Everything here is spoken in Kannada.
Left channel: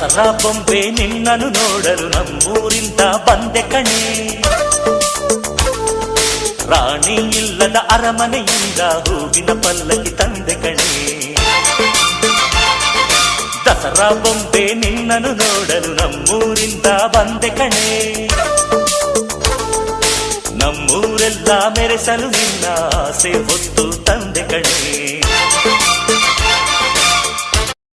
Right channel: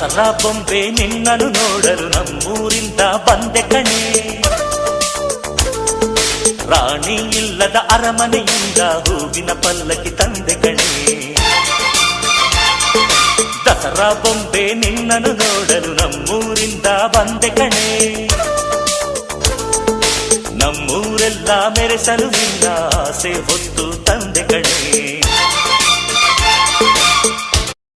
ದಸರಾ ಬೊಂಬೆ ನಿನ್ನನ್ನು ನೋಡಲು ನಮ್ಮೂರಿಂದ ಬಂದೆ ಕಣೆ. ರಾಣಿ ಇಲ್ಲದ ಅರಮನೆಯಿಂದ ಹೂವಿನ ಪಲ್ಲಕ್ಕಿ ತಂದೆ ಕಣೆ. ದಸರಾ ಬೊಂಬೆ ನಿನ್ನನ್ನು ನೋಡಲು ನಮ್ಮೂರಿಂದ ಬಂದೆ ಕಣೆ. ನಮ್ಮೂರೆಲ್ಲ ಮೆರೆಸಲು ನಿನ್ನ ಆಸೆ ಹೊತ್ತು ತಂದೆ ಕಣೆ.